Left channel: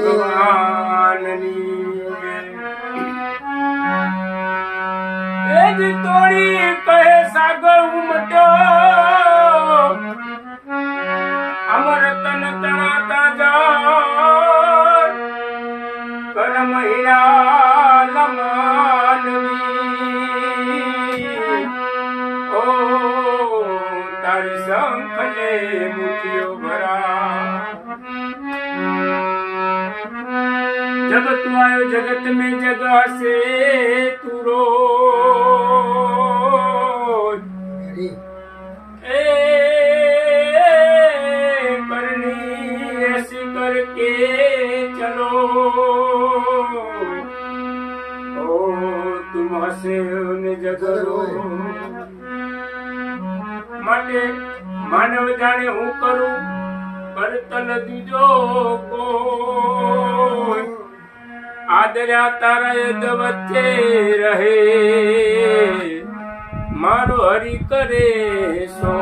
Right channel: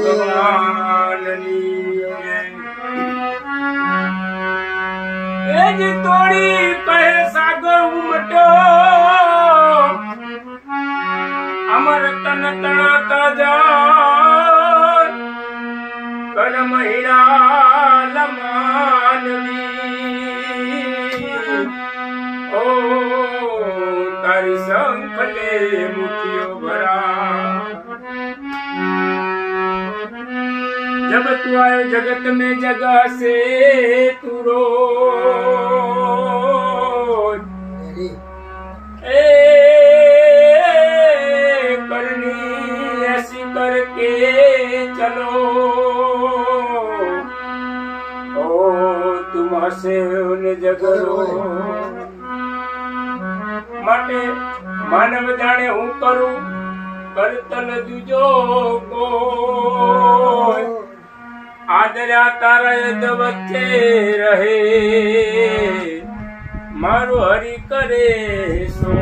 ભગવાનની એજ તોડી કહે સાગર ઉમટ્યો અમર તન તણાતા જા કરમ હીરા લમાનવી ઓ તારી સંખલે મુઠિયો ભરા जब तू आयो जगत में जगह से तू रोज ए करनी ऐसी करके चलो ओ तुम हसे उन जगरो માટે માનવ જાણે હું કરું કરતન દીજો કોઈ આદર્યા તારા યદ વચ્ચે રહે મારો હરી કરે સો